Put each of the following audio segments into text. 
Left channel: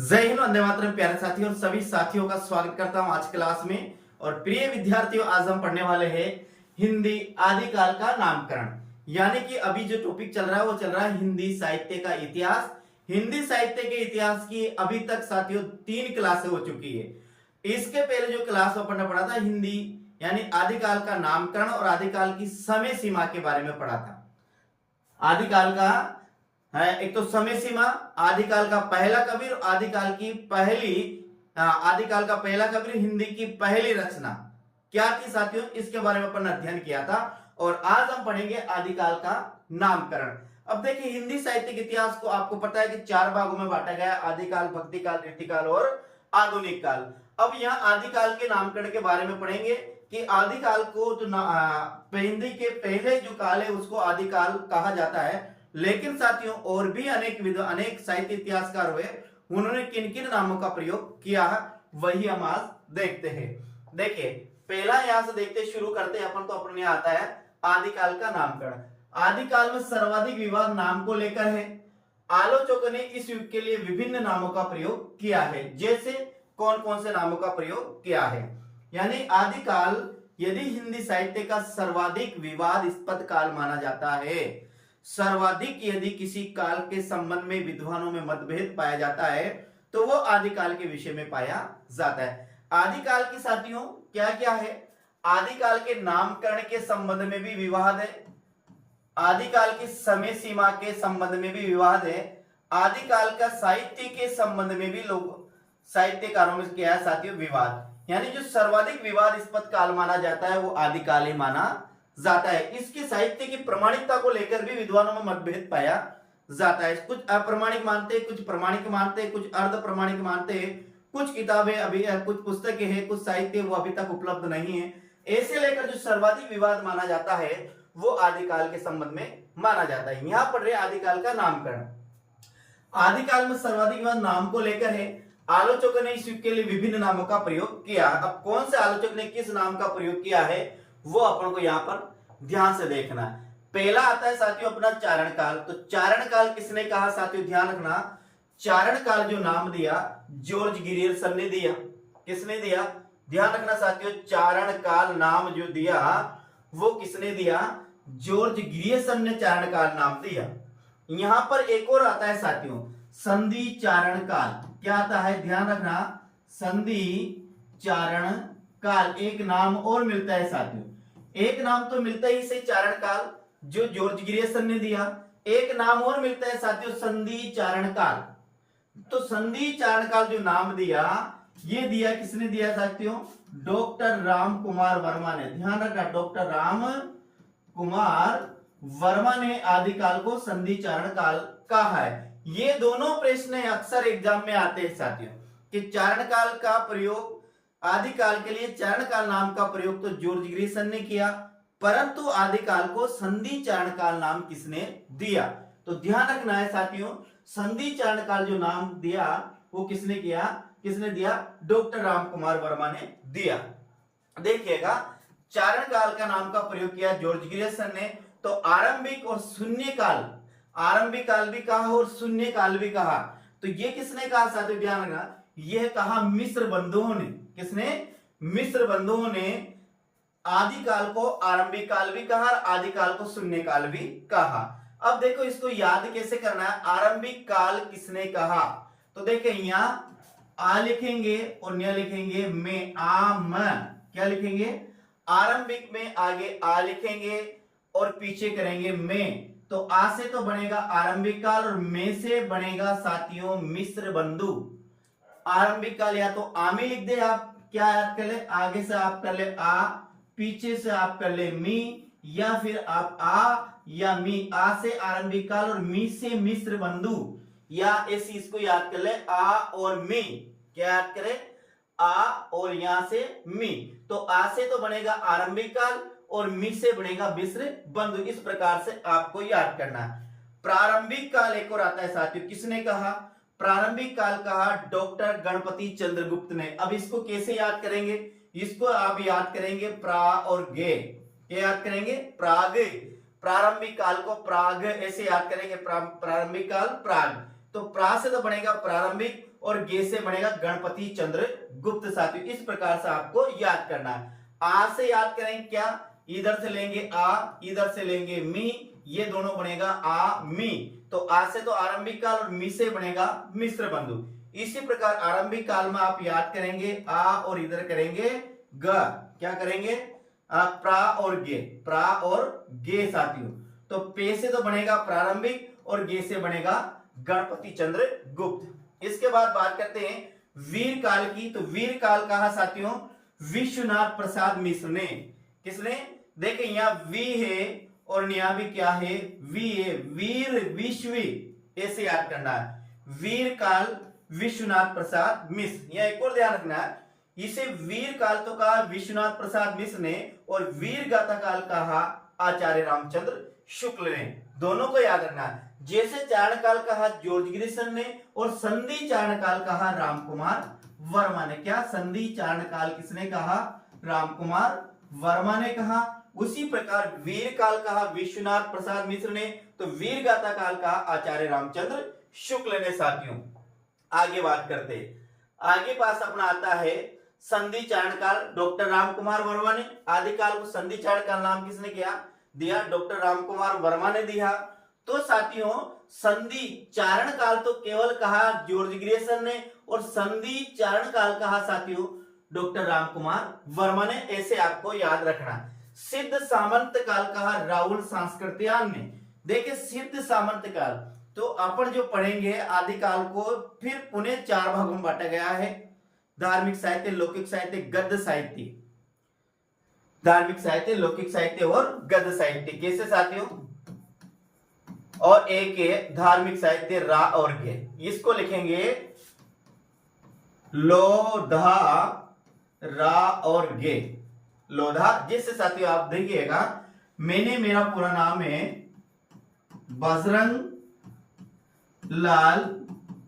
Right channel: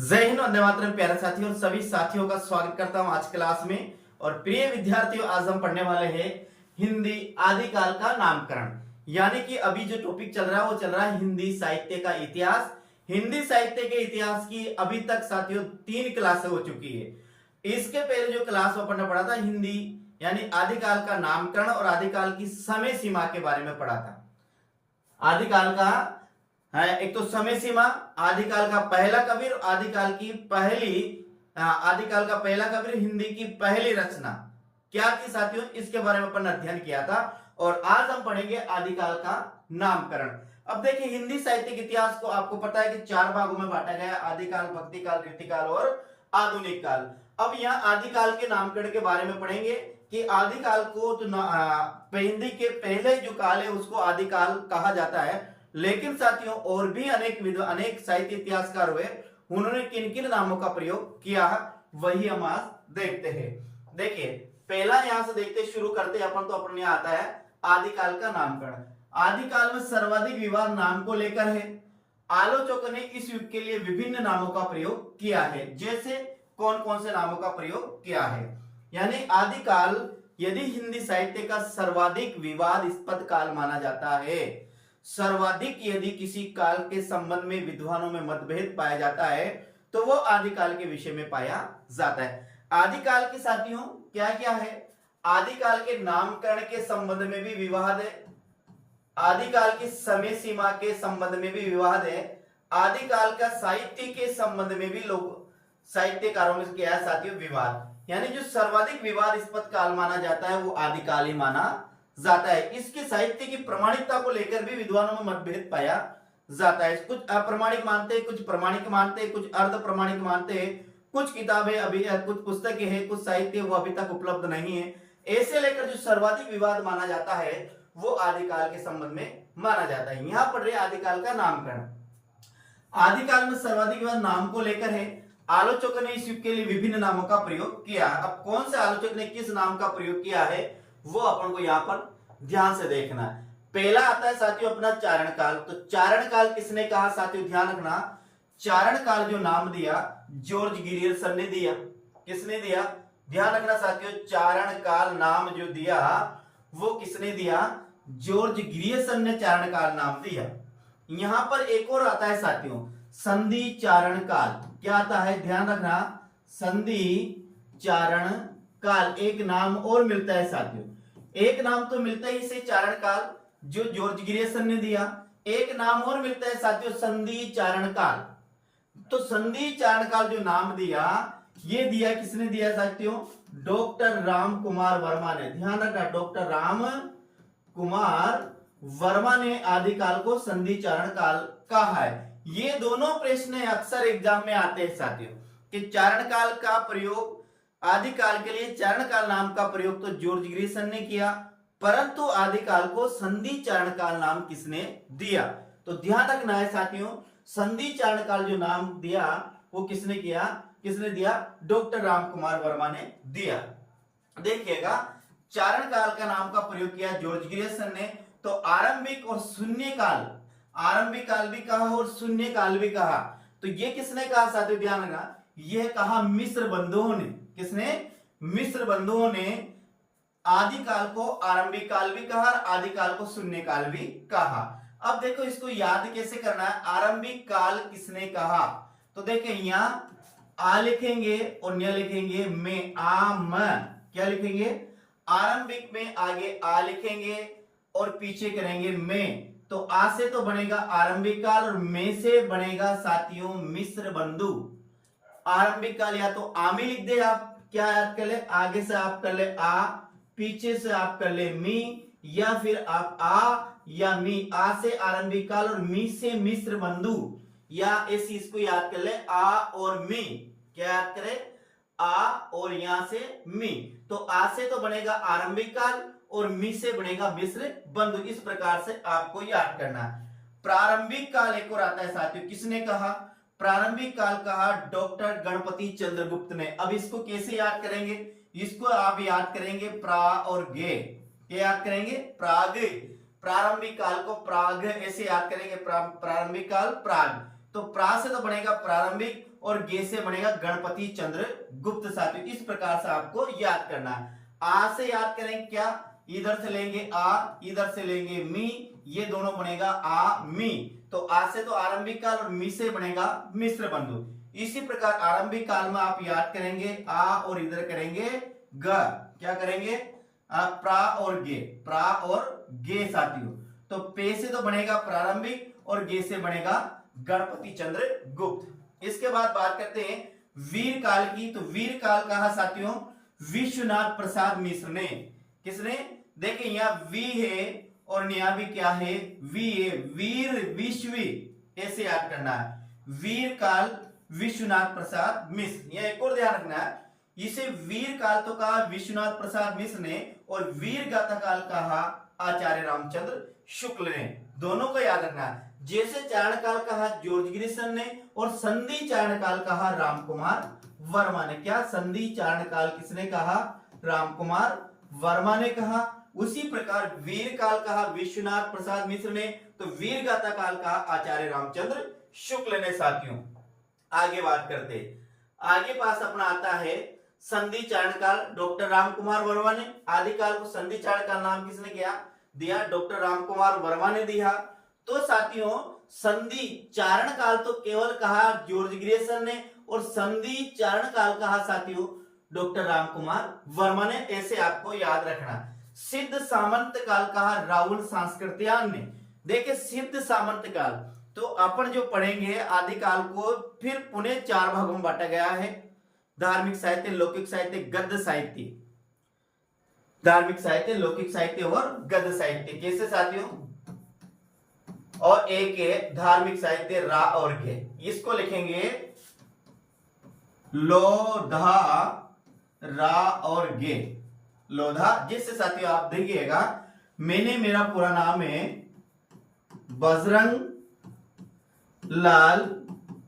जय हिंद, वंदे मातरम। प्यारे साथियों और सभी साथियों का स्वागत करता हूं आज क्लास में। और प्रिय विद्यार्थियों, आज हम पढ़ने वाले हैं हिंदी आदिकाल का नामकरण। यानी कि अभी जो टॉपिक चल रहा है वो चल रहा है हिंदी साहित्य का इतिहास। हिंदी साहित्य के इतिहास की अभी तक साथियों 3 क्लासें हो चुकी है। इसके पहले जो क्लास अपन ने पढ़ा था हिंदी यानी आदिकाल का नामकरण और आदिकाल की समय सीमा के बारे में पढ़ा था। आदिकाल का है एक तो समय सीमा, आदिकाल का पहला कवि और आदिकाल का पहला कवि, हिंदी की पहली रचना क्या थी साथियों, इसके बारे में अपन अध्ययन किया था। और आज हम पढ़ेंगे आदिकाल का नामकरण। अब देखिए, हिंदी साहित्य के इतिहास को आपको पता है कि 4 भागों में बांटा गया है: आदिकाल, भक्तिकाल, रीतिकाल और आधुनिक काल। अब यहाँ आदिकाल के नामकरण के बारे में पढ़ेंगे कि आदिकाल को तो हिंदी के पहले जो काल है उसको आदिकाल कहा जाता है। लेकिन साथियों और भी अनेक साहित्य इतिहासकार हुए, उन्होंने किन किन नामों का प्रयोग किया है वही हम आज देखते हैं। देखिए, पहला यहां से देखते शुरू करते अपन तो अपने यहाँ आता है आदिकाल का नामकरण। आदिकाल में सर्वाधिक विवाद नाम को लेकर है। आलोचकों ने इस युग के लिए विभिन्न नामों का प्रयोग किया है। जैसे कौन कौन से नामों का प्रयोग किया है, यानी आदिकाल यदि हिंदी साहित्य का सर्वाधिक विवादास्पद काल माना जाता है। सर्वाधिक यदि किसी काल के संबंध में विद्वानों में मतभेद पाया जाता है तो वो आदिकाल के विषय में पाया जाता है। आदिकाल की साथियों क्या क्या है? आदिकाल के नामकरण के संबंध में भी विवाद है। आदिकाल की समय सीमा के संबंध में भी विवाद है। आदिकाल का साहित्य के संबंध में भी लोग साहित्यकारों में क्या है साथियों, विवाद। यानी जो सर्वाधिक विवादास्पद काल माना जाता है वो आदिकाल ही माना जाता है। इसके साहित्य की प्रमाणिकता को लेकर भी विद्वानों में मतभेद पाया जाता है। कुछ अप्रमाणिक मानते हैं, कुछ प्रमाणिक मानते हैं, कुछ अर्ध प्रमाणिक मानते हैं। कुछ किताबें अभी, कुछ पुस्तकें हैं, कुछ साहित्य वो अभी तक उपलब्ध नहीं है। ऐसे लेकर जो सर्वाधिक विवाद माना जाता है वो आदिकाल के संबंध में माना जाता है। यहां पर आदिकाल का नामकरण। आदिकाल में सर्वाधिक विवाद नाम को लेकर है। आलोचकों ने इस युग के लिए विभिन्न नामों का प्रयोग किया। अब कौन से आलोचक ने किस नाम का प्रयोग किया है वो अपन को यहाँ पर ध्यान से देखना है। पहला आता है साथियों अपना चारण काल। तो चारण काल किसने कहा साथियों, ध्यान रखना। चारण काल जो नाम दिया जॉर्ज गिरियर्सन ने दिया। किसने दिया? ध्यान रखना साथियों, चारण काल नाम जो दिया वो किसने दिया? जॉर्ज गिरियर्सन ने चारण काल नाम दिया। यहां पर एक और आता है साथियों संधि चारण काल। क्या आता है? ध्यान रखना, संधि चारण काल एक नाम और मिलता है साथियों। एक नाम तो मिलता है इसे चारण काल जो जॉर्ज गिरियर्सन ने दिया, एक नाम और मिलता है साथियों संधि चारण काल। तो संधि चारण काल जो नाम दिया ये दिया किसने दिया साथियों? डॉक्टर राम कुमार वर्मा ने। ध्यान रखना, डॉक्टर राम कुमार वर्मा ने आदिकाल को संधि चारण काल कहा है। ये दोनों प्रश्न अक्सर एग्जाम में आते हैं साथियों कि चारण काल का प्रयोग, आदिकाल के लिए चारण काल नाम का प्रयोग तो जॉर्ज गिरियर्सन ने किया, परंतु आदिकाल को संधि चारण काल नाम किसने दिया? तो ध्यान रखना है साथियों, संधि चारण काल जो नाम दिया वो किसने किया? किसने दिया? डॉक्टर राम कुमार वर्मा ने दिया। देखिएगा, चारण काल का नाम का प्रयोग किया जॉर्ज गिरियर्सन ने। तो आरंभिक और शून्य काल, आरंभिक काल भी कहा और शून्य काल भी कहा। तो ये किसने कहा साथियों, ध्यान रखना, यह कहा मिस्र बंधुओं ने। किसने? मिस्र बंधुओं ने आदिकाल को आरंभिक काल भी कहा और आदिकाल को शून्य काल भी कहा। अब देखो इसको याद कैसे करना है। आरंभिक काल किसने कहा? तो देखें यहां आ लिखेंगे और न लिखेंगे में, आम क्या लिखेंगे? आरंभिक में आगे आ लिखेंगे और पीछे करेंगे में। तो आ से तो बनेगा आरंभिक काल और में से बनेगा साथियों मिस्र बंधु। आरंभिक काल या तो आ में लिख दे, आप क्या याद कर ले, आगे से आप कर ले आ, पीछे से आप कर ले मी, या फिर आप आ या मी। आ से आरंभिक काल और मी से मिस्र बंधु, या ऐसी इसको याद कर ले आ और मी। क्या याद करें? आ और यहां से मी। तो आ से तो बनेगा आरंभिक काल और मी से बनेगा मिस्र बंधु। इस प्रकार से आपको याद करना है। प्रारंभिक काल एक और आता है साथियों, किसने कहा? प्रारंभिक काल कहा डॉक्टर गणपति चंद्रगुप्त ने। अब इसको कैसे याद करेंगे? इसको आप याद करेंगे प्रा और गे। क्या याद करेंगे? प्राग। प्रारंभिक काल को प्राग ऐसे याद करेंगे, प्रारंभिक काल प्राग। तो प्रा से तो बनेगा प्रारंभिक और गे से बनेगा गणपति चंद्र गुप्त साथियों। इस प्रकार से आपको याद करना है। आ से याद करें क्या, इधर से लेंगे आ, इधर से लेंगे मी, ये दोनों बनेगा आ मी। तो आ से तो आरंभिक काल और मी से बनेगा मिश्र बंधु। इसी प्रकार आरंभिक काल में आप याद करेंगे आ और इधर करेंगे ग, क्या करेंगे प्रा और गे, प्रा और गे साथियों। तो पे से तो बनेगा प्रारंभिक और गे से बनेगा गणपति चंद्र गुप्त। इसके बाद बात करते हैं वीर काल की। तो वीर काल कहा साथियों विश्वनाथ प्रसाद मिश्र ने। किसने, देखिए यहाँ वी है और यहाँ भी क्या है वी है, वीर विश्वी, ऐसे याद करना है। वीर काल विश्वनाथ प्रसाद मिश्र। यह एक और ध्यान रखना है, इसे वीर काल तो कहा विश्वनाथ प्रसाद मिश्र ने और वीर गाथा काल कहा आचार्य रामचंद्र शुक्ल ने। दोनों को याद रखना है। जैसे चारण काल कहा जॉर्ज ग्रिसन ने और संधि चारण काल कहा रामकुमार वर्मा ने। क्या संधि चारण काल किसने कहा, रामकुमार वर्मा ने कहा। उसी प्रकार वीर काल कहा विश्वनाथ प्रसाद मिश्र ने, तो वीर गाथा काल कहा आचार्य रामचंद्र शुक्ल ने साथियों। आगे बात करते, आगे पास अपना आता है संधि चारण काल, डॉक्टर रामकुमार वर्मा ने। आदिकाल को संधि चारण काल नाम किसने किया दिया, डॉक्टर रामकुमार वर्मा ने दिया। तो साथियों संधि चारण काल तो केवल कहा जॉर्ज ग्रिसन ने और संधि चारण काल कहा साथियों डॉक्टर रामकुमार वर्मा ने, ऐसे आपको याद रखना। सिद्ध सामंत काल कहा राहुल सांस्कृत्यायन ने। देखिए सिद्ध सामंत काल तो अपन जो पढ़ेंगे आदिकाल को फिर पुनः 4 भागों में बांटा गया है, धार्मिक साहित्य, लौकिक साहित्य, गद्य साहित्य। धार्मिक साहित्य, लौकिक साहित्य और गद्य साहित्य। कैसे साथियों, और एक है धार्मिक साहित्य रा और गे, इसको लिखेंगे लोधा रा और गे, लोधा। जिससे साथियों आप देखिएगा मैंने, मेरा पूरा नाम है बजरंग लाल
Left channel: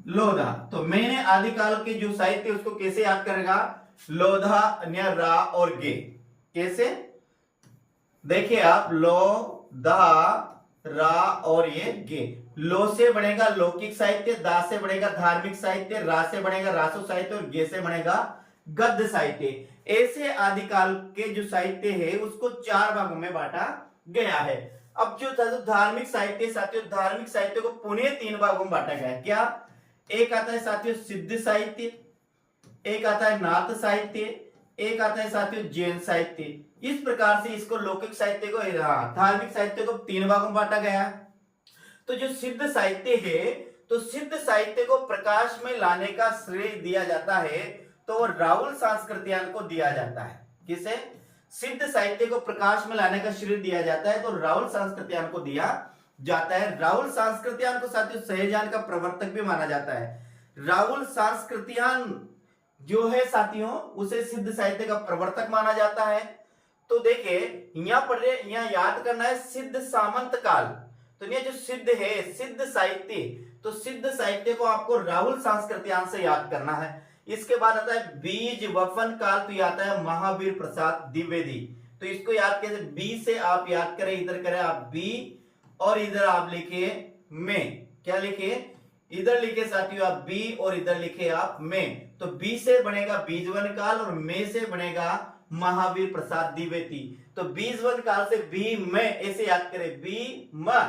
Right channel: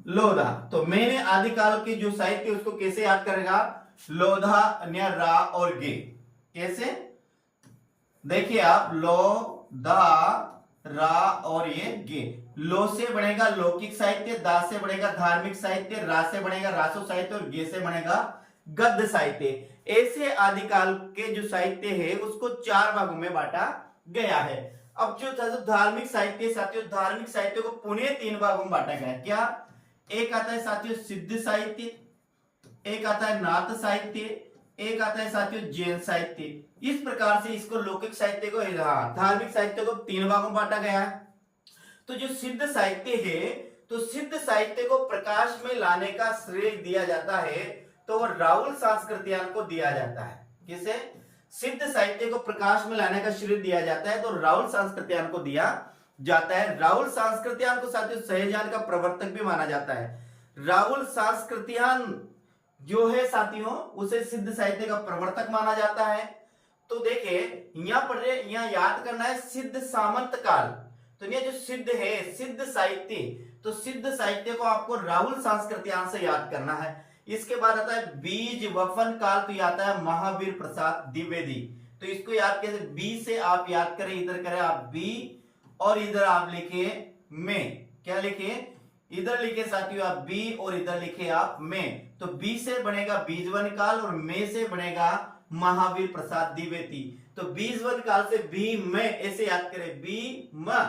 लोधा। तो मैंने आदिकाल के जो साहित्य उसको कैसे याद करेगा, लोधा अन्य रा और गे। कैसे देखिए आप, लो दा रा और ये गे। लो से बनेगा लौकिक साहित्य, दा से बनेगा धार्मिक साहित्य, रा से बनेगा रासो साहित्य और गे से बनेगा गद्य साहित्य। ऐसे आदिकाल के जो साहित्य है उसको 4 भागों में बांटा गया है। अब जो धार्मिक साहित्य साथियों, धार्मिक साहित्य को पुनः 3 भागों में बांटा गया है। क्या, एक आता है साथियों सिद्ध साहित्य, एक आता है नाथ साहित्य, एक आता है साथियों जैन साहित्य। इस प्रकार से इसको लौकिक साहित्य को, धार्मिक साहित्य को 3 भागों में बांटा गया है। तो जो सिद्ध साहित्य है, तो सिद्ध साहित्य को प्रकाश में लाने का श्रेय दिया जाता है तो वो राहुल सांस्कृत्यायन को दिया जाता है। किसे, सिद्ध साहित्य को प्रकाश में लाने का श्रेय दिया जाता है तो राहुल सांस्कृत्यायन को दिया जाता है। राहुल सांस्कृत्यायन को साथियों सहजान का प्रवर्तक भी माना जाता है। राहुल सांस्कृत्यायन जो है साथियों उसे सिद्ध साहित्य का प्रवर्तक माना जाता है। तो देखिए यहाँ पर यहाँ याद करना है सिद्ध सामंत काल। तो ये जो सिद्ध है सिद्ध साहित्य, तो सिद्ध साहित्य को आपको राहुल सांस्कृत्यायन से याद करना है। इसके बाद आता है बीज वफन काल, तो ये आता है महावीर प्रसाद द्विवेदी। तो इसको याद कैसे, बी से आप याद करें, इधर करें आप बी और इधर आप लिखे में, क्या लिखे, इधर लिखे साथियों आप बी और इधर लिखे आप में। तो बी से बनेगा बीजवन काल और में से बनेगा महावीर प्रसाद द्विवेदी। तो बीजवन काल से बी में ऐसे याद करें, बी म,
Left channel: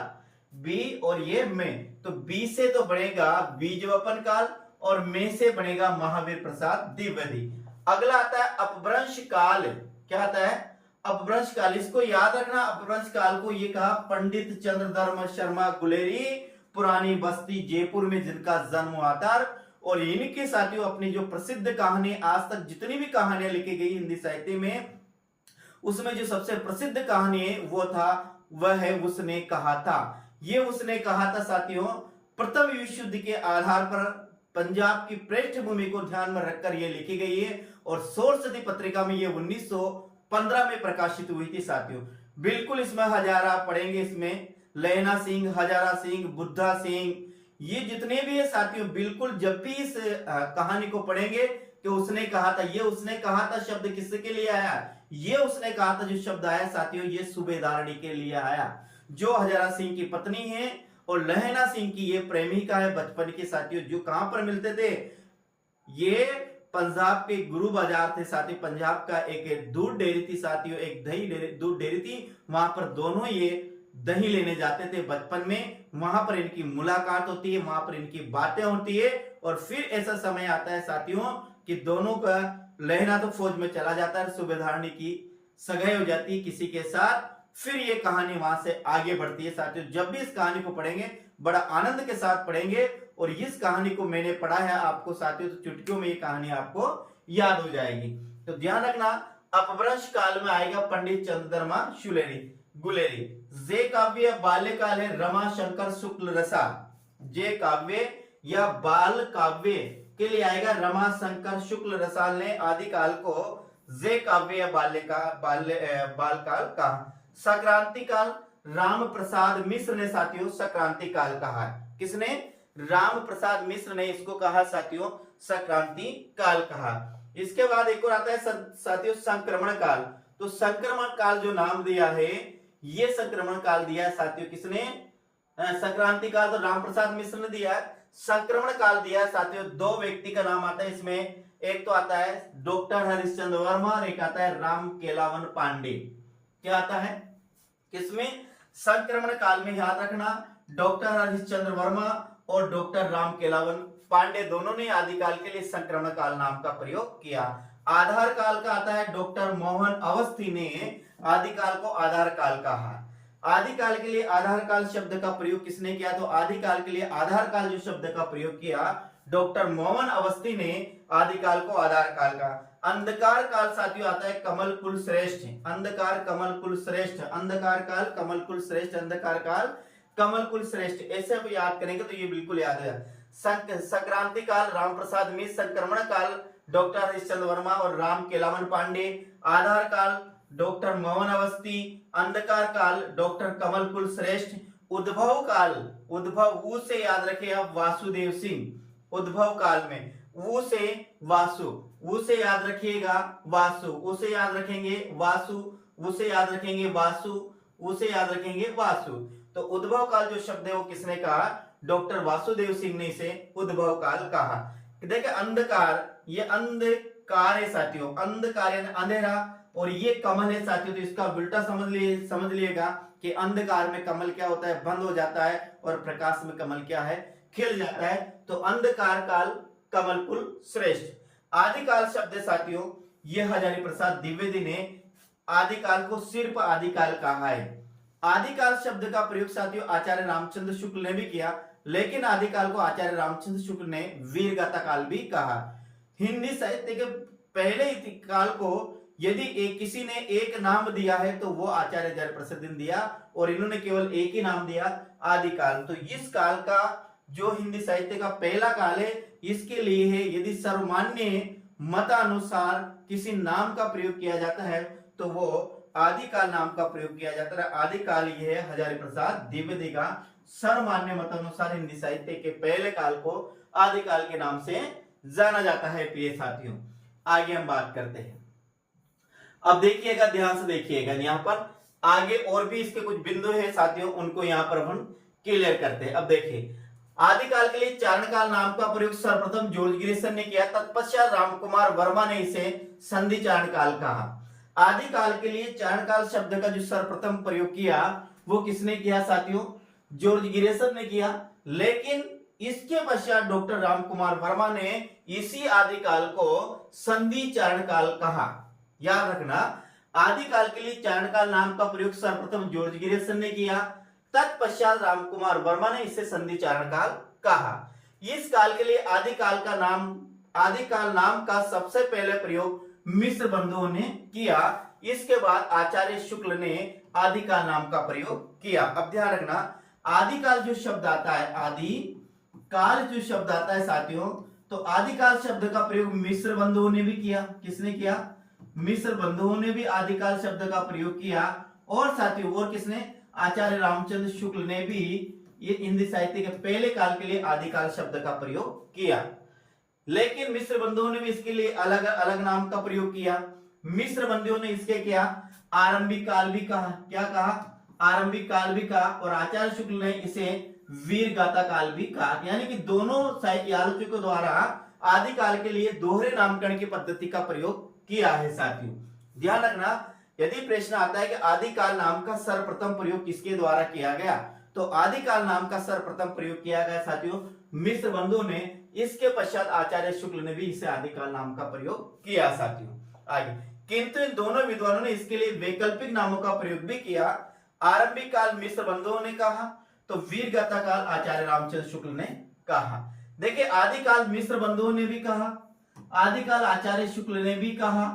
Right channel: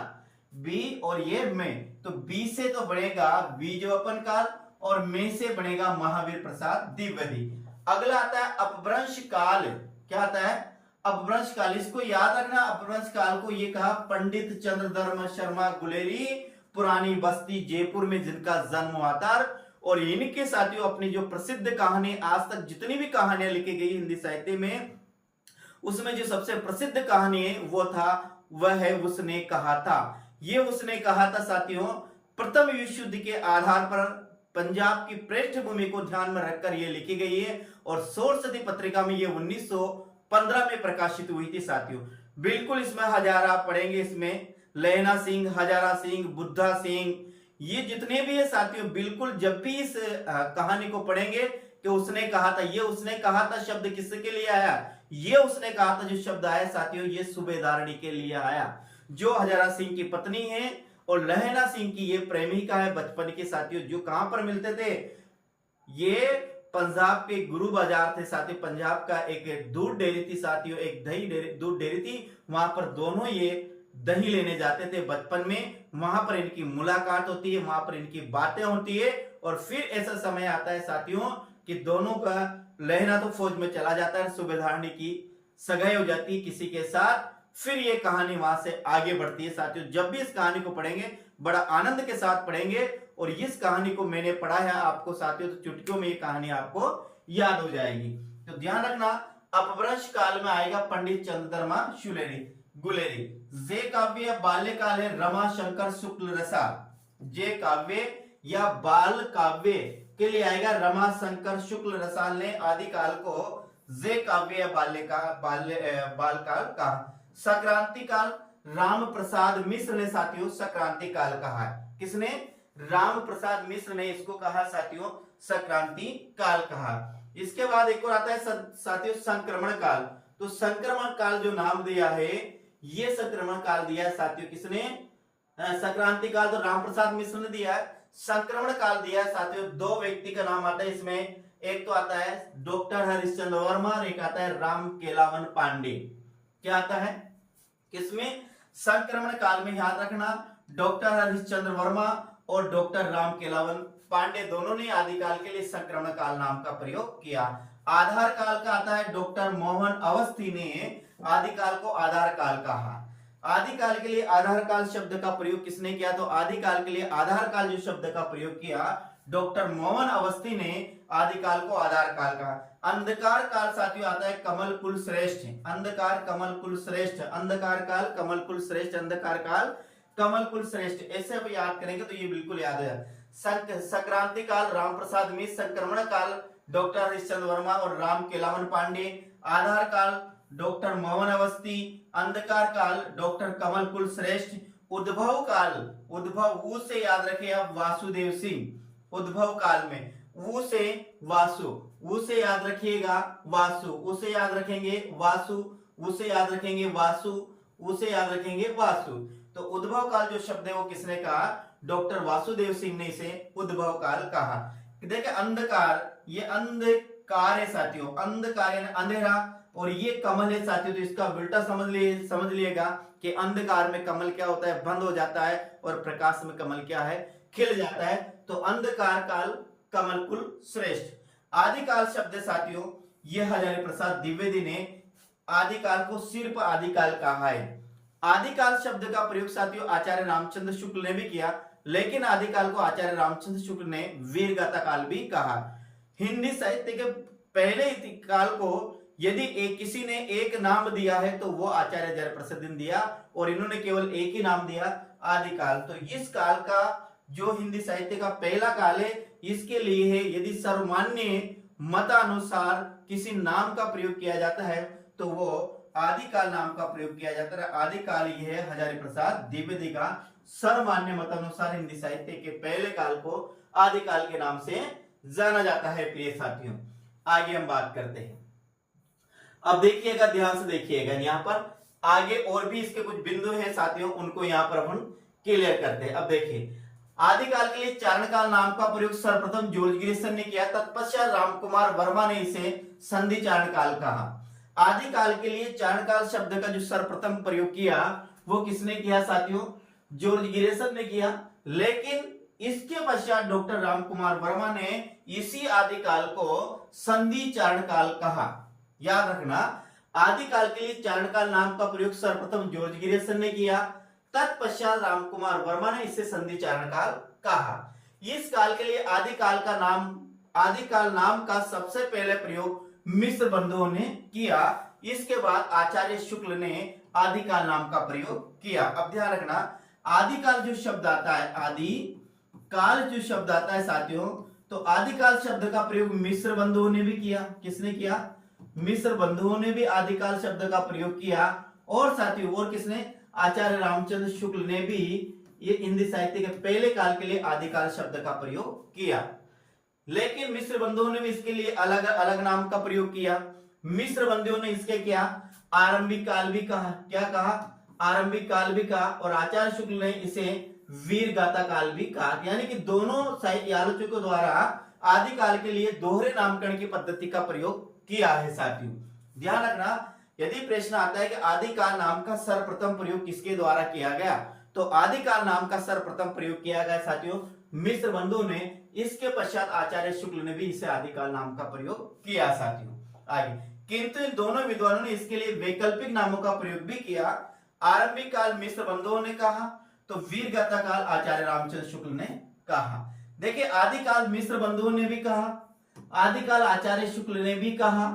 बी और ये में। तो बी से तो बनेगा बीजवपन काल और में से बनेगा महावीर प्रसाद द्विवेदी। अगला आता है अपभ्रंश काल। क्या आता है, अपभ्रंश काल। इसको याद रखना, अपभ्रंश काल को ये कहा पंडित चंद्रधर्म शर्मा गुलेरी, पुरानी बस्ती जयपुर में जिनका जन्म हुआ था। और इनके साथियों अपनी जो प्रसिद्ध कहानी, आज तक जितनी भी कहानियां लिखी गई हिंदी साहित्य में, उसमें जो सबसे प्रसिद्ध कहानी है वो था, वह है उसने कहा था। ये उसने कहा था साथियों प्रथम विश्व युद्ध के आधार पर पंजाब की पृष्ठभूमि को ध्यान में रखकर यह लिखी गई है और सोरसती पत्रिका में ये 1915 में प्रकाशित हुई थी साथियों। बिल्कुल इसमें हजारा पढ़ेंगे, इसमें लैना सिंह, हजारा सिंह, बुद्धा सिंह, ये जितने भी है साथियों, बिल्कुल जब भी इस कहानी को पढ़ेंगे कि उसने कहा था, ये उसने कहा था शब्द किसके लिए आया, ये उसने कहा था जो शब्द आया साथियों ये सूबेदारनी के लिए आया, जो हजारा सिंह की पत्नी है और लहना सिंह की ये प्रेमिका है बचपन के साथियों, जो कहां पर मिलते थे, ये पंजाब के गुरु बाजार थे साथियों। पंजाब का एक दूध डेयरी थी साथियों, एक दही डेयरी, दूध डेयरी थी, वहां पर दोनों ये दही लेने जाते थे बचपन में। वहां पर इनकी मुलाकात होती है, वहां पर इनकी बातें होती है, और फिर ऐसा समय आता है साथियों कि दोनों का, लहना तो फौज में चला जाता है, सुबेदारनी की सगाई हो जाती है किसी के साथ। फिर ये कहानी वहां से आगे बढ़ती है साथियों। जब भी इस कहानी को पढ़ेंगे बड़ा आनंद के साथ पढ़ेंगे, और इस कहानी को मैंने पढ़ा है आपको साथियों, तो चुटकियों में ये कहानी आपको याद हो जाएगी। तो ध्यान रखना, अपभ्रंश काल में आएगा पंडित चंद्रमा शुलेरी गुलेरी। जे काव्य बाल्यकाल है रमा शंकर शुक्ल रसा। जे काव्य या बाल काव्य के लिए आएगा रमा शंकर शुक्ल रसाल ने आदिकाल को जे काव्य या बाल काल कहा। संक्रांति काल राम प्रसाद मिश्र ने साथियों संक्रांति काल कहा। किसने? राम प्रसाद मिश्र ने इसको कहा साथियों संक्रांति काल कहा। इसके बाद एक और आता है साथियों संक्रमण काल। तो संक्रमण काल जो नाम दिया है, ये संक्रमण काल दिया है साथियों किसने? संक्रांति काल तो राम प्रसाद मिश्र ने दिया है, संक्रमण काल दिया है साथियों दो व्यक्ति का नाम आता है इसमें। एक तो आता है डॉक्टर हरिश्चंद्र वर्मा और एक आता है राम केलावन पांडे। क्या आता है किसमें? संक्रमण काल में। याद रखना, डॉक्टर हरिश्चंद्र वर्मा और डॉक्टर राम केलावन पांडे दोनों ने आदिकाल के लिए संक्रमण काल नाम का प्रयोग किया। आधार काल का आता है डॉक्टर मोहन अवस्थी ने आदिकाल को आधार काल कहा। आदिकाल के लिए आधार काल शब्द का प्रयोग किसने किया? तो आदिकाल के लिए आधार काल जो शब्द का प्रयोग किया डॉक्टर मोहन अवस्थी ने आदिकाल को आधार काल का। अंधकार काल साथियों आता है कमल कुल श्रेष्ठ। अंधकार कमल कुल श्रेष्ठ, अंधकार काल कमल कुल श्रेष्ठ, अंधकार काल कमल कुल श्रेष्ठ। ऐसे अब याद करेंगे तो ये बिल्कुल याद हो जाए। संक्रांति काल राम प्रसाद मिश्र, संक्रमण काल डॉक्टर हरिश्चंद्र वर्मा और राम केलावन पांडे, आधार काल डॉक्टर मोहन अवस्थी, अंधकार काल डॉक्टर कमल कुल श्रेष्ठ, उद्भव काल, उद्भव ऊ से याद रखे आप वासुदेव सिंह। उद्भव काल में ऊ से वासु, ऊ से याद रखिएगा वासु, ऊ से याद रखेंगे वासु, ऊ से याद रखेंगे वासु, ऊ से याद रखेंगे वासु। तो उद्भव काल जो शब्द है वो किसने कहा? डॉक्टर वासुदेव सिंह ने इसे उद्भव काल कहा। देखिए अंधकार, ये अंधकार है साथियों, अंधकार यानी अंधेरा, और ये कमल है साथियों। तो इसका उल्टा समझ लिएगा कि अंधकार में कमल क्या होता है? बंद हो जाता है, और प्रकाश में कमल क्या है? खिल जाता है। तो अंधकार काल कमल कुल श्रेष्ठ। आदिकाल शब्द साथियों ये हजारी प्रसाद द्विवेदी ने आदिकाल को सिर्फ आदिकाल कहा है। आदिकाल शब्द का प्रयोग साथियों आचार्य रामचंद्र शुक्ल ने भी किया, लेकिन आदिकाल को आचार्य रामचंद्र शुक्ल ने वीरगाथा काल भी कहा। हिंदी साहित्य के पहले काल को यदि किसी ने एक नाम दिया है तो वो आचार्य जयप्रसाद ने दिया, और इन्होंने केवल एक ही नाम दिया आदिकाल। तो इस काल का जो हिंदी साहित्य का पहला काल है, इसके लिए है यदि सर्वमान्य मतानुसार किसी नाम का प्रयोग किया जाता है तो वो आदिकाल नाम का प्रयोग किया जाता है। आदिकाल ये है हजारी प्रसाद द्विवेदी का सर्वमान्य मतानुसार हिंदी साहित्य के पहले काल को आदिकाल के नाम से जाना जाता है। प्रिय साथियों आगे हम बात करते हैं। अब देखिएगा, ध्यान से देखिएगा, यहाँ पर आगे और भी इसके कुछ बिंदु है साथियों, उनको यहाँ पर हम क्लियर करते हैं। अब देखिए, आदिकाल के लिए चारणकाल नाम का प्रयोग सर्वप्रथम जॉर्ज ग्रिसन ने किया, तत्पश्चात रामकुमार वर्मा ने इसे संधि चारणकाल कहा। आदिकाल के लिए चारणकाल शब्द का जो सर्वप्रथम प्रयोग किया वो किसने किया साथियों? जॉर्ज ग्रिसन ने किया, लेकिन इसके पश्चात डॉक्टर रामकुमार वर्मा ने इसी आदिकाल को संधि चारणकाल कहा। याद रखना, आदिकाल के लिए चारणकाल नाम का प्रयोग सर्वप्रथम जॉर्ज ग्रिसन ने किया, तत्पश्चात रामकुमार वर्मा ने इसे संधि चारणकाल कहा। इस काल के लिए आदिकाल नाम का सबसे पहले प्रयोग मिश्र बंधुओं ने किया। इसके बाद आचार्य शुक्ल ने आदिकाल नाम का प्रयोग किया। अब ध्यान रखना, आदिकाल जो शब्द आता है, आदिकाल जो शब्द आता है साथियों, तो आदिकाल शब्द का प्रयोग मिश्र बंधुओं ने भी किया। किसने किया? मिश्र बंधुओं ने भी आदिकाल शब्द का प्रयोग किया, और साथियों और किसने? आचार्य रामचंद्र शुक्ल ने भी ये हिंदी साहित्य के पहले काल के लिए आदिकाल शब्द का प्रयोग किया। लेकिन मिश्र बंधुओं ने भी इसके लिए अलग अलग नाम का प्रयोग किया। मिश्र बंधुओं ने इसके क्या आरंभिक काल भी कहा, क्या कहा? आरंभिक काल भी कहा, और आचार्य शुक्ल ने इसे वीर गाथा काल भी कहा, यानी कि दोनों साहित्य आलोचकों द्वारा आदिकाल के लिए दोहरे नामकरण की पद्धति का प्रयोग किया है साथियों। ध्यान रखना, यदि प्रश्न आता है कि आदिकाल नाम का सर्वप्रथम प्रयोग किसके द्वारा किया गया, तो आदिकाल नाम का सर्वप्रथम प्रयोग किया गया साथियों मिश्र बंधुओं ने। इसके पश्चात आचार्य शुक्ल ने भी इसे आदिकाल नाम का प्रयोग किया साथियों। आगे, किंतु इन दोनों विद्वानों ने इसके लिए वैकल्पिक नामों का प्रयोग भी किया। आरंभिक काल मिश्र बंधुओं ने कहा, तो वीर गाथा काल आचार्य रामचंद्र शुक्ल ने कहा। देखिए, आदिकाल मिश्र बंधुओं ने भी कहा, आदिकाल आचार्य शुक्ल ने भी कहा,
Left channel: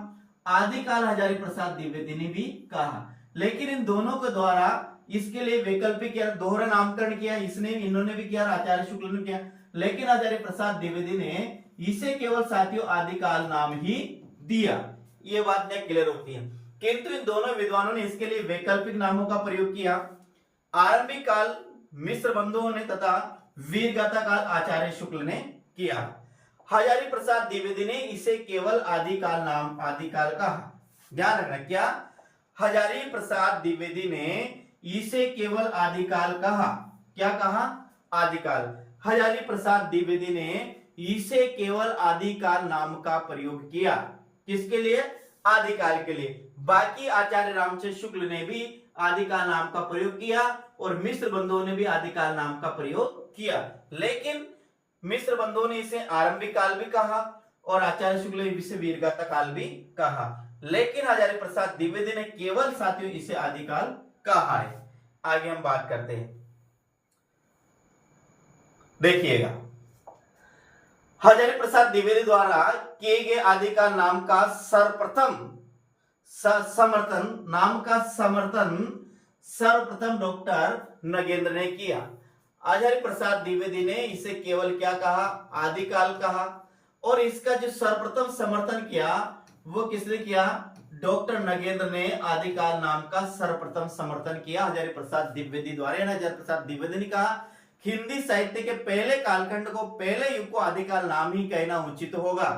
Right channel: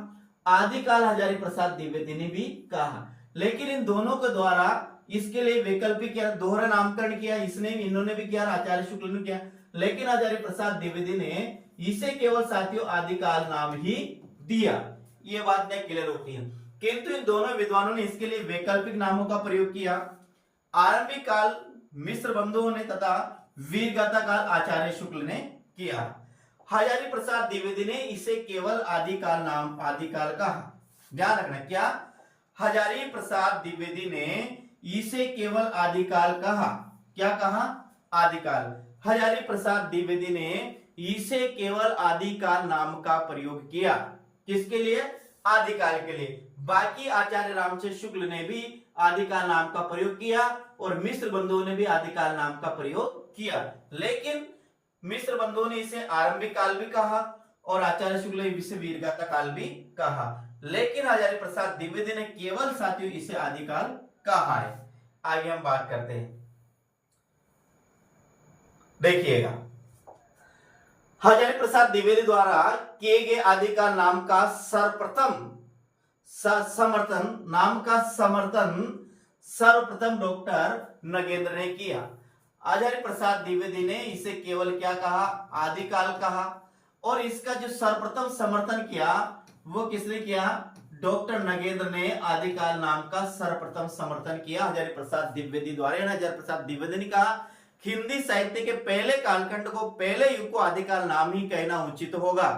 आदिकाल हजारी प्रसाद द्विवेदी ने भी कहा, लेकिन इन दोनों के द्वारा इसके लिए वैकल्पिक या दोहरा नामकरण किया, इन्होंने भी किया, आचार्य शुक्ल ने किया, लेकिन हजारी प्रसाद द्विवेदी ने इसे केवल साथियों आदिकाल नाम ही दिया। ये बात क्लियर होती है। किंतु इन दोनों विद्वानों ने इसके लिए वैकल्पिक नामों का प्रयोग किया। आरंभिक काल मिश्र बंधुओं ने तथा वीर गाथा काल आचार्य शुक्ल ने किया। हजारी प्रसाद द्विवेदी ने इसे केवल आदिकाल कहा। ध्यान रखना, क्या हजारी प्रसाद द्विवेदी ने इसे केवल आदिकाल कहा। क्या कहा? आदिकाल। हजारी प्रसाद द्विवेदी ने इसे केवल आदिकाल नाम का प्रयोग किया। किसके लिए? आदिकाल के लिए। बाकी आचार्य रामचंद्र शुक्ल ने भी आदिकाल नाम का प्रयोग किया और मिश्र बंधुओं ने भी आदिकाल नाम का प्रयोग किया, लेकिन मिश्र बंधुओं ने इसे आरंभिक काल भी कहा और आचार्य शुक्ल ने इसे वीरगाथा काल भी कहा, लेकिन हजारी प्रसाद द्विवेदी ने केवल साथियों इसे आदिकाल कहा है। आगे हम बात करते हैं, देखिएगा, हजारी प्रसाद द्विवेदी द्वारा किए गए आदिकाल नाम का सर्वप्रथम डॉक्टर नगेंद्र ने किया। हजारी प्रसाद द्विवेदी ने इसे केवल क्या कहा? आदिकाल कहा, और इसका जो सर्वप्रथम समर्थन किया वो किसने किया? डॉक्टर नगेंद्र ने आदिकाल नाम का सर्वप्रथम समर्थन किया हजारी प्रसाद द्विवेदी द्वारा। हजारी प्रसाद द्विवेदी ने कहा हिंदी साहित्य के पहले कालखंड को, पहले युग को आदिकाल नाम ही कहना उचित होगा।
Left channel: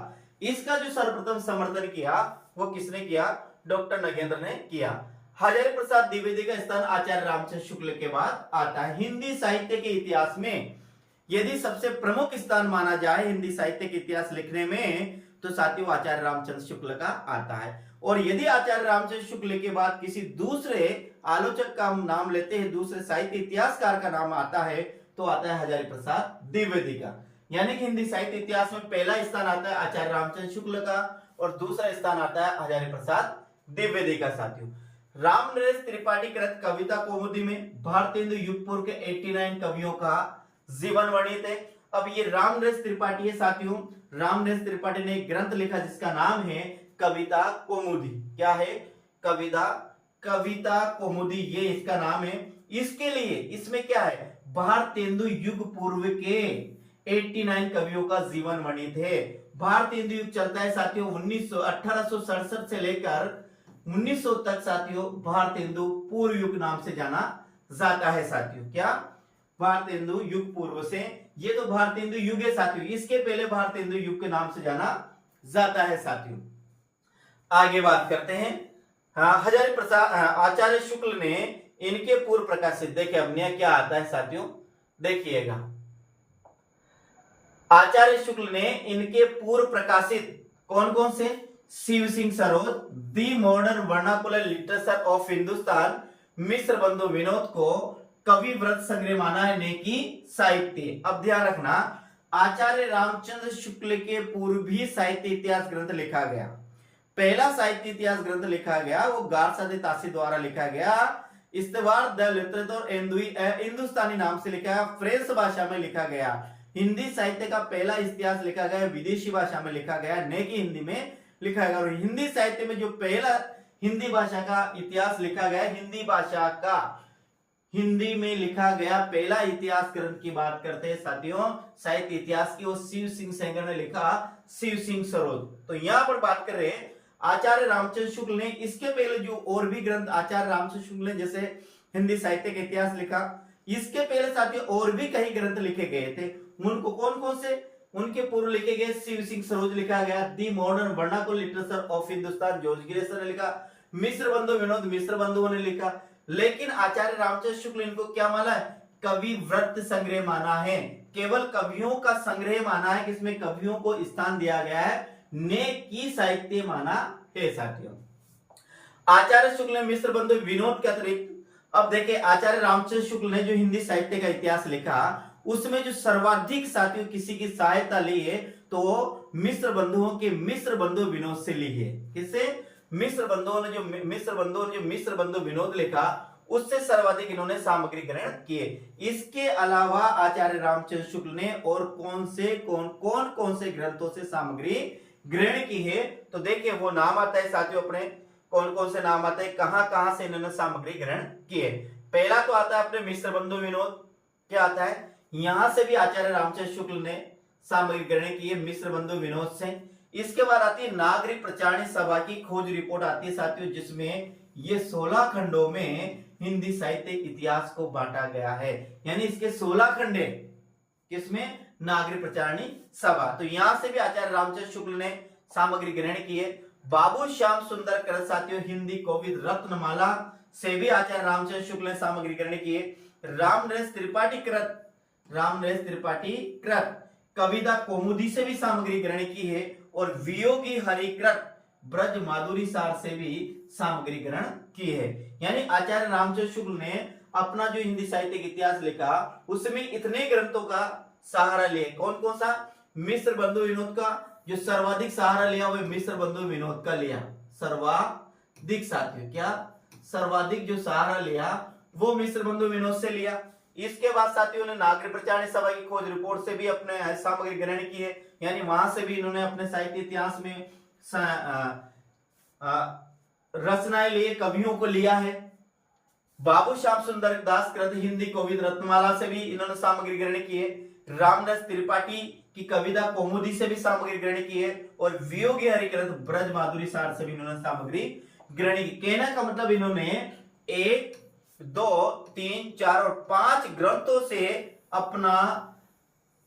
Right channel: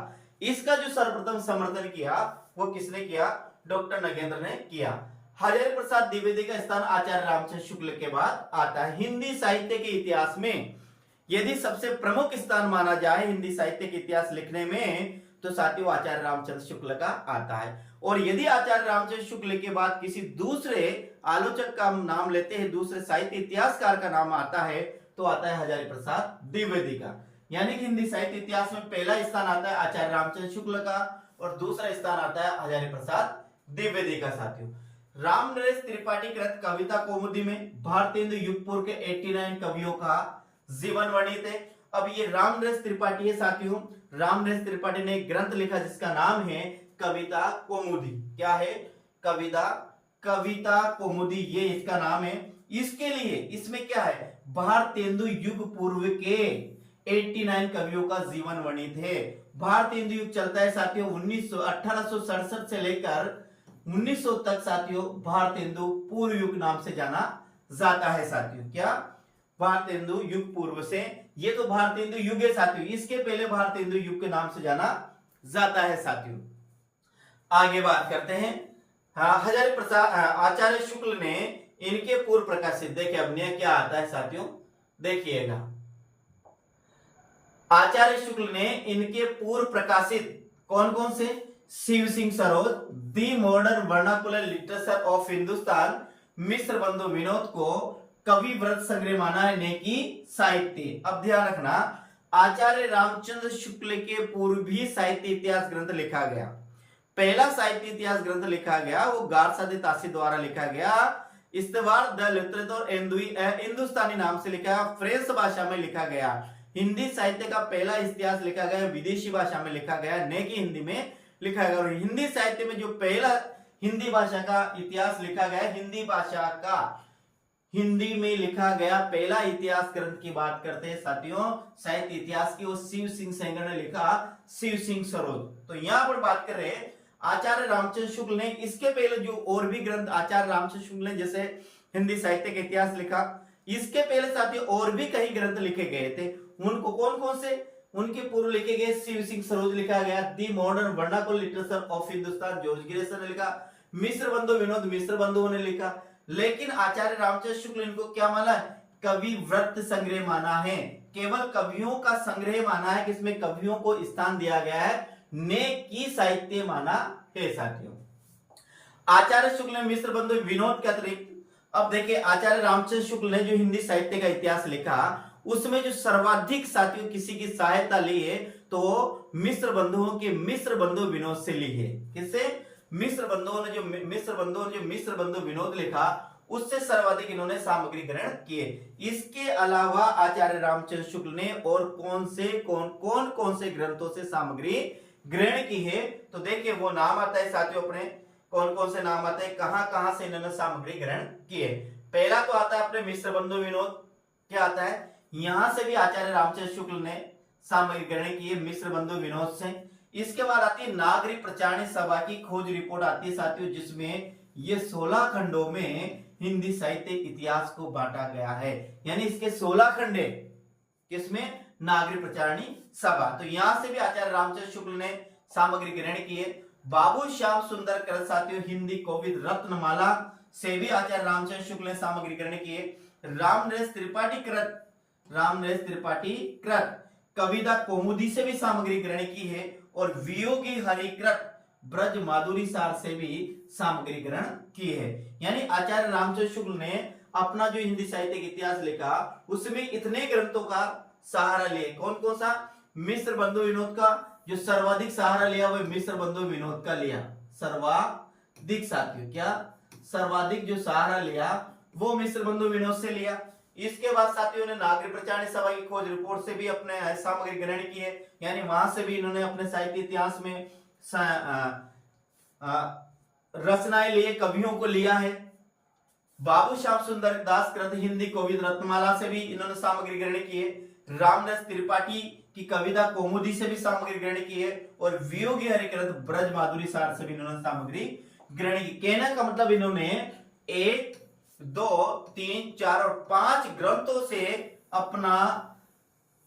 इसका जो सर्वप्रथम समर्थन किया वो किसने किया? डॉक्टर नगेंद्र ने किया। हजारी प्रसाद द्विवेदी का स्थान आचार्य रामचंद्र शुक्ल के बाद आता है। हिंदी साहित्य के इतिहास में यदि सबसे प्रमुख स्थान माना जाए हिंदी साहित्य के इतिहास लिखने में, तो साथियों आचार्य रामचंद्र शुक्ल का आता है। और यदि आचार्य रामचंद्र शुक्ल के बाद किसी दूसरे आलोचक का नाम लेते हैं, दूसरे साहित्य इतिहासकार का नाम आता है, तो आता है हजारी प्रसाद द्विवेदी का। यानी कि हिंदी साहित्य इतिहास में पहला स्थान आता है आचार्य रामचंद्र शुक्ल का और दूसरा स्थान आता है हजारी प्रसाद द्विवेदी का। साथियों, रामनरेश त्रिपाठी कृत कविता कौमुदी में भारतेंदु युग पूर्व के 89 कवियों का जीवन वर्णित है। अब ये रामनरेश त्रिपाठी है साथियों, रामनरेश त्रिपाठी ने एक ग्रंथ लिखा जिसका नाम है कविता कौमुदी। क्या है? कविता कौमुदी, ये इसका नाम है। इसके लिए इसमें क्या है? भारतेंदु युग पूर्व के 89 कवियों का जीवन वर्णित है। भारतेंदु युग चलता है साथियों 1867 से लेकर 1900 तक। साथियों, भारतेंदु पूर्व युग नाम से जाना जाता है साथियों। क्या? भारतेंदु युग पूर्व से, ये तो भारतेंदु युग है साथियों, इसके पहले भारतेंदु युग के नाम से जाना जाता है साथियों। आगे बात करते हैं, हजारी प्रसाद आचार्य शुक्ल ने इनके पूर्व प्रकाशित, देखिए अब नया क्या आता है साथियों, देखिएगा, आचार्य शुक्ल ने इनके पूर्व प्रकाशित कौन कौन से? Shiv Singh Saroj, the modern vernacular literature of Hindustan, Mishra Bandhu Vinod को कवि व्रत संग्रह माना है नेकी साहित्य। अब ध्यान रखना, आचार्य रामचंद्र शुक्ल के पूर्व भी साहित्य इतिहास ग्रंथ लिखा गया। पहला साहित्य इतिहास ग्रंथ लिखा गया वो गारसादे तासी द्वारा लिखा गया। इस्तवार द लिटरेचर हिंदुस्तानी नाम से लिखा गया, फ्रेंच भाषा में लिखा गया। हिंदी साहित्य का पहला इतिहास लिखा गया विदेशी भाषा में लिखा गया, न कि हिंदी में लिखा गया। और हिंदी साहित्य में जो पहला हिंदी भाषा का इतिहास लिखा गया, हिंदी भाषा का हिंदी में लिखा गया पहला इतिहास ग्रंथ की बात करते हैं साथियों साहित्य इतिहास की, वो शिव सिंह सेंगर ने लिखा, शिव सिंह सरोज। तो यहां पर बात कर रहे हैं आचार्य रामचंद्र शुक्ल ने। इसके पहले जो और भी ग्रंथ आचार्य रामचंद्र शुक्ल ने जैसे हिंदी साहित्य का इतिहास लिखा, इसके पहले साथियों और भी कई ग्रंथ लिखे गए थे। उनको कौन कौन से? उनके पूर्व लिखे गए शिव सिंह सरोज लिखा गया, the modern vernacular literature of Hindustan George Grierson ने लिखा, मिश्र बंधु विनोद मिश्र बंधुओं ने लिखा। लेकिन आचार्य रामचंद्र शुक्ल इनको क्या माना है? कवि व्रत संग्रह माना है, केवल कवियों का संग्रह माना है, किसमें कवियों को स्थान दिया गया है, ने की साहित्य माना है साथियों। आचार्य शुक्ल ने मिश्र बंधु विनोद के अतिरिक्त, अब देखिए आचार्य रामचंद्र शुक्ल ने जो हिंदी साहित्य का इतिहास लिखा उसमें जो सर्वाधिक साथियों किसी की सहायता ली है तो मिश्र बंधुओं के मिश्र बंधु विनोद से ली है। किससे? मिश्र बंधुओं ने जो मिश्र बंधु विनोद लिखा उससे सर्वाधिक इन्होंने सामग्री ग्रहण किए। इसके अलावा आचार्य रामचंद्र शुक्ल ने और कौन से ग्रंथों से सामग्री ग्रहण की है, तो देखिए वो नाम आता है साथियों अपने, कौन से नाम आते हैं, कहां से इन्होंने सामग्री ग्रहण किए। पहला तो आता है अपने मिश्र बंधु विनोद, क्या आता है, यहां से भी आचार्य रामचंद्र शुक्ल ने सामग्री ग्रहण की है मिश्र बंधु विनोद से। इसके बाद आती है नागरी प्रचारणी सभा की खोज रिपोर्ट आती है साथियों, जिसमें ये 16 खंडों में हिंदी साहित्य इतिहास को बांटा गया है, यानी इसके 16 खंड है किसमें, नागरी प्रचारणी सभा। तो यहां से भी आचार्य रामचंद्र शुक्ल ने सामग्री ग्रहण की है। बाबू श्याम सुंदर कृत साथियों हिंदी कोविद रत्नमाला से भी आचार्य रामचंद्र शुक्ल ने सामग्री ग्रहण की है। रामनरेश त्रिपाठी कृत कविता कौमुदी से भी सामग्री ग्रहण की है, और वियोगी हरिकृत ब्रज माधुरी सार से भी सामग्री ग्रहण की है। यानी आचार्य रामचंद्र शुक्ल ने अपना जो हिंदी साहित्य का इतिहास लिखा उसमें इतने ग्रंथों का सहारा लिए, कौन सा, मिश्र बंधु विनोद का, जो सर्वाधिक सहारा लिया वह मिश्र बंधु विनोद का लिया, सर्वाधिक साथियों, क्या सर्वाधिक जो सहारा लिया वो मिश्र बंधु विनोद से लिया। इसके बाद साथियों ने नागरी प्रचारणी सभा की खोज रिपोर्ट से भी अपने सामग्री ग्रहण की है, यानी वहां से भी इन्होंने अपने साहित्य इतिहास में रचनाएं लिए, कवियों को लिया है। बाबू श्याम सुंदर दास कृत हिंदी कोविद रत्नमाला से भी इन्होंने सामग्री ग्रहण की है। रामदास त्रिपाठी की कविता कौमुदी से भी सामग्री ग्रहण की है, और वियोगी हरिकृत ब्रज माधुरी सार से भी इन्होंने सामग्री ग्रहण की। कहने का मतलब इन्होंने 1, 2, 3, 4 और 5 ग्रंथों से अपना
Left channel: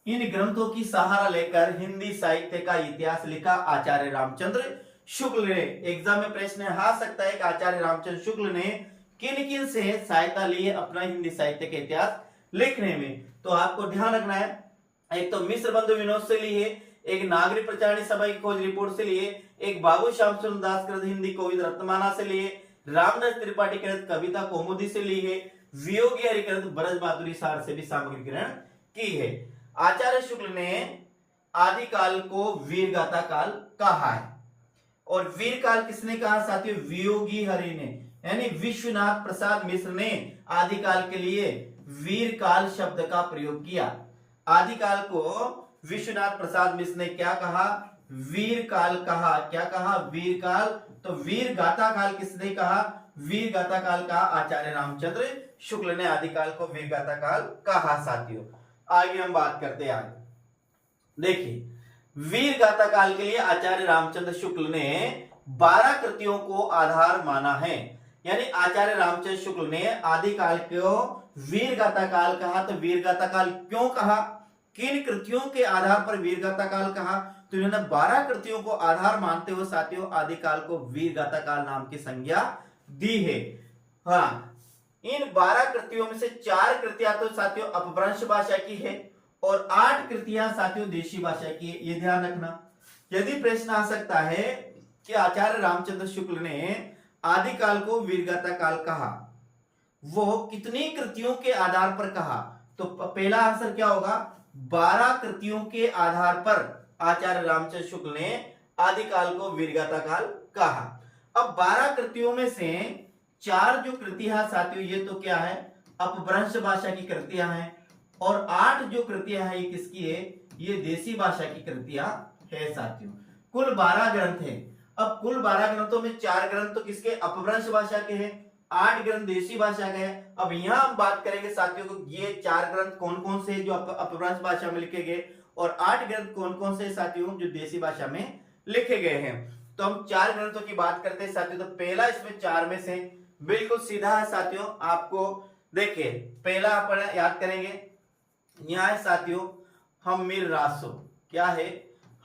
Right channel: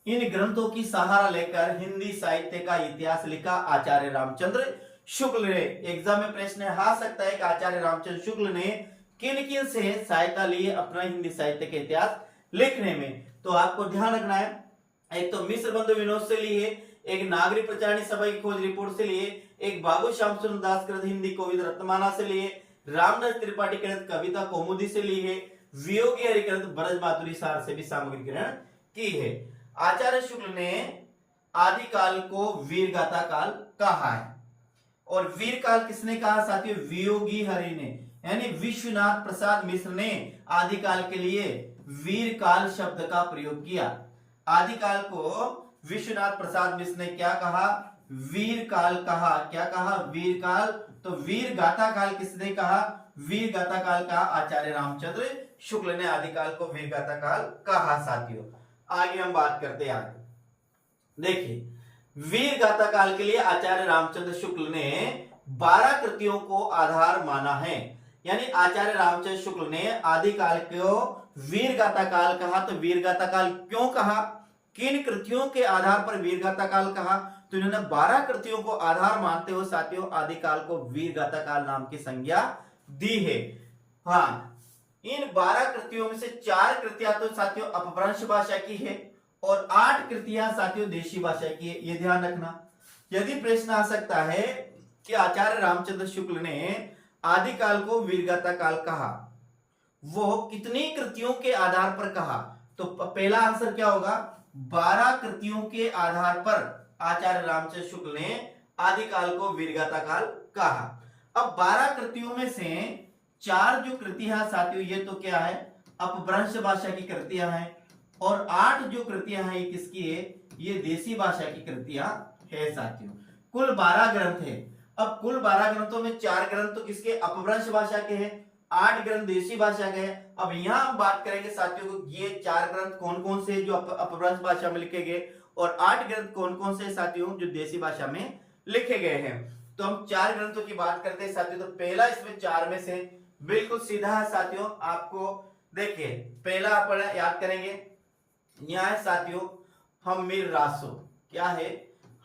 इन ग्रंथों की सहारा लेकर हिंदी साहित्य का इतिहास लिखा आचार्य रामचंद्र शुक्ल ने। एग्जाम में प्रश्न आ सकता है कि आचार्य रामचंद्र शुक्ल ने किन से सहायता ली है अपना हिंदी साहित्य का इतिहास लिखने में, तो आपको ध्यान रखना है, एक तो मिश्र बंधु विनोद से लिए, एक नागरी प्रचारणी सभा की खोज रिपोर्ट से लिए, एक बाबू श्याम सुंदर दास कृत हिंदी कोविद रत्नमाला से लिए, रामदास त्रिपाठी कृत कविता कौमुदी से ली है, वियोगी हरिकृत ब्रज माधुरी सार से भी सामग्री ग्रहण की है। आचार्य शुक्ल ने आदिकाल को वीरगाथा काल कहा है, और वीर काल किसने कहा साथियों, वियोगी हरि ने, यानी विश्वनाथ प्रसाद मिश्र ने आदिकाल के लिए वीर काल शब्द का प्रयोग किया। आदिकाल को विश्वनाथ प्रसाद मिश्र ने क्या कहा, वीर काल कहा। क्या कहा, वीर काल। तो वीर गाथा काल किसने कहा, वीर गाथा काल कहा आचार्य रामचंद्र शुक्ल ने आदिकाल को वीर गाथा काल कहा साथियों। आगे हम बात करते हैं आगे, देखिए वीर गाथा काल के लिए आचार्य रामचंद्र शुक्ल ने 12 कृतियों को आधार माना है, यानी आचार्य रामचंद्र शुक्ल ने आदिकाल को वीर गाथा काल कहा। तो वीर गाथा काल क्यों कहा, किन कृतियों के आधार पर वीर गाथा काल कहा, तो इन्होंने 12 कृतियों को आधार मानते हुए साथियों आदिकाल को वीर गाथा काल नाम की संज्ञा दी है। हाँ, इन 12 कृतियों में से 4 कृतियां तो साथियों अपभ्रंश भाषा की है और 8 कृतियां साथियों देशी भाषा की है, ये ध्यान रखना। यदि प्रश्न आ सकता है कि आचार्य रामचंद्र शुक्ल ने आदिकाल को वीरगाथा काल कहा, वो कितनी कृतियों के आधार पर कहा, तो पहला आंसर क्या होगा, 12 कृतियों के आधार पर आचार्य रामचंद्र शुक्ल ने आदिकाल को वीरगाथा काल कहा। अब 12 कृतियों में से 4 जो कृतियां साथियों ये तो क्या है, अपभ्रंश भाषा की कृतियां हैं, और 8 जो कृतियां हैं ये किसकी है, ये देसी भाषा की कृतियां है साथियों। कुल 12 ग्रंथ है। अब कुल 12 ग्रंथों में 4 ग्रंथ तो किसके, अपभ्रंश भाषा के हैं, 8 ग्रंथ देशी भाषा के हैं। अब यहां हम बात करेंगे साथियों को ये 4 ग्रंथ कौन कौन से जो अपभ्रंश भाषा में लिखे गए, और 8 ग्रंथ कौन कौन से साथियों जो देशी भाषा में लिखे गए हैं। तो हम 4 ग्रंथों की बात करते हैं साथियों। तो पहला इसमें 4 में से बिल्कुल सीधा है साथियों, आपको देखिए पहला आप याद करेंगे, यहां है साथियों हम्मीर रासो। क्या है,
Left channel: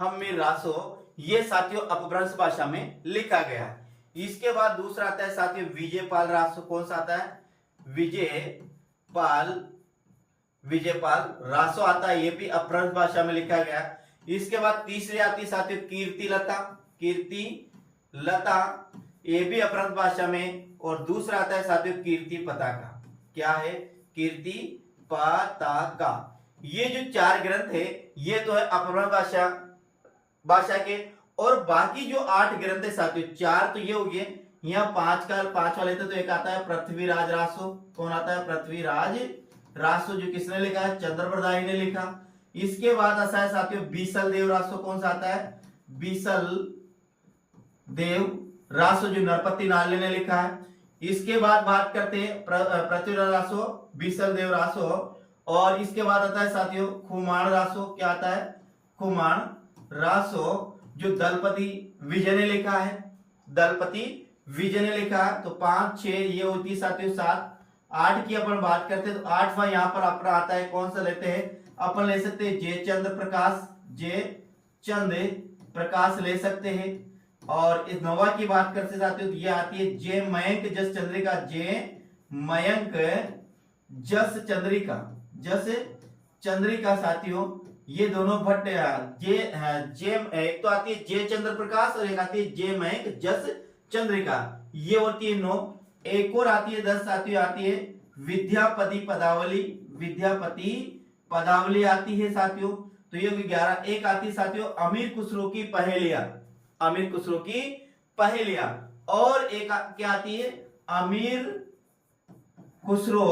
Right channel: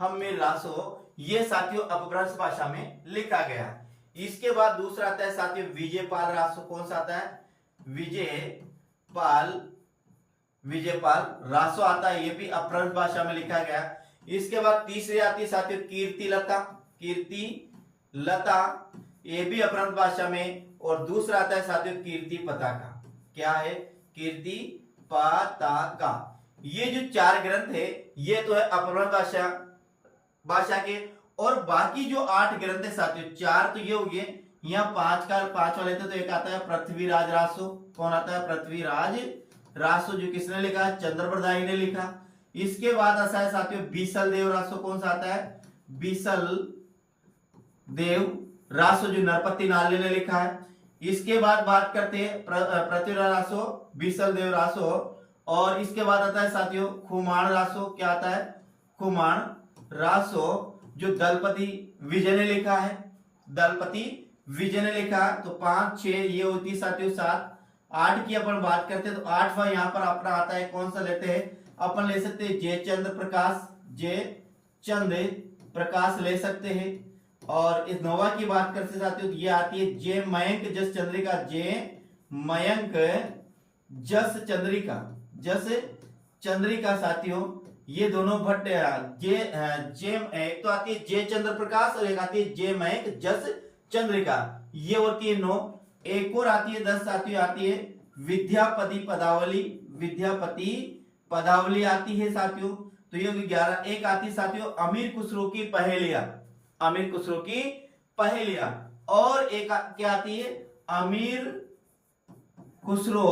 हम्मीर रासो, ये साथियों अपभ्रंश भाषा में लिखा गया है। इसके बाद दूसरा आता है साथियों विजय पाल रासो। कौन सा आता है, विजय पाल विजयपाल रासो आता है, ये भी अपभ्रंश भाषा में लिखा गया। इसके बाद तीसरी आती है साथियों कीर्ति लता, कीर्ति लता, ये भी अपभ्रंश भाषा में। और दूसरा आता है साथियों कीर्ति पताका। क्या है? कीर्ति पताका। ये जो 4 ग्रंथ है ये तो है अपभ्रंश भाषा के। और बाकी जो 8 ग्रंथ है साथियों, 4 तो ये हो गए, यहाँ 5 वाले थे तो एक आता है पृथ्वीराज रासो। कौन आता है? पृथ्वीराज रासो, जो किसने लिखा है? चंद्रप्रदायी ने लिखा। इसके बाद आता है साथियों बीसल देव रासो। कौन सा आता है? बीसल देव रासो, जो नरपति नाले ने लिखा है। इसके बाद बात करते हैं पृथ्वीराज रासो, बीसल देव रासो। और इसके बाद आता है साथियों खुमान रासो। क्या आता है? खुमान रासो, जो दलपति विजय ने लिखा है। दलपति विजय ने लिखा है। तो 5 6 ये होती है साथियों 7। 8 की अपन बात करते हैं तो 8वां यहाँ पर अपना आता है। कौन सा लेते हैं? अपन ले सकते हैं जयचंद्र प्रकाश, जयचंद्र प्रकाश ले सकते हैं। और इस 9वां की बात करते साथियों तो ये आती है जय मयंक जस चंद्रिका, जय मयंक जस चंद्रिका, जस चंद्रिका साथियों। ये दोनों भट्ट एक तो आती है जय चंद्र प्रकाश और एक आती है जय मयंक जस चंद्रिका, ये होती है 9। एक और आती है 10 साथियों, आती है विद्यापति पदावली, विद्यापति पदावली आती है साथियों। तो ये 11। एक आती है साथियों अमीर खुसरो की पहेलियां, अमीर खुसरो की पहेलियां। और एक क्या आती है? अमीर खुसरो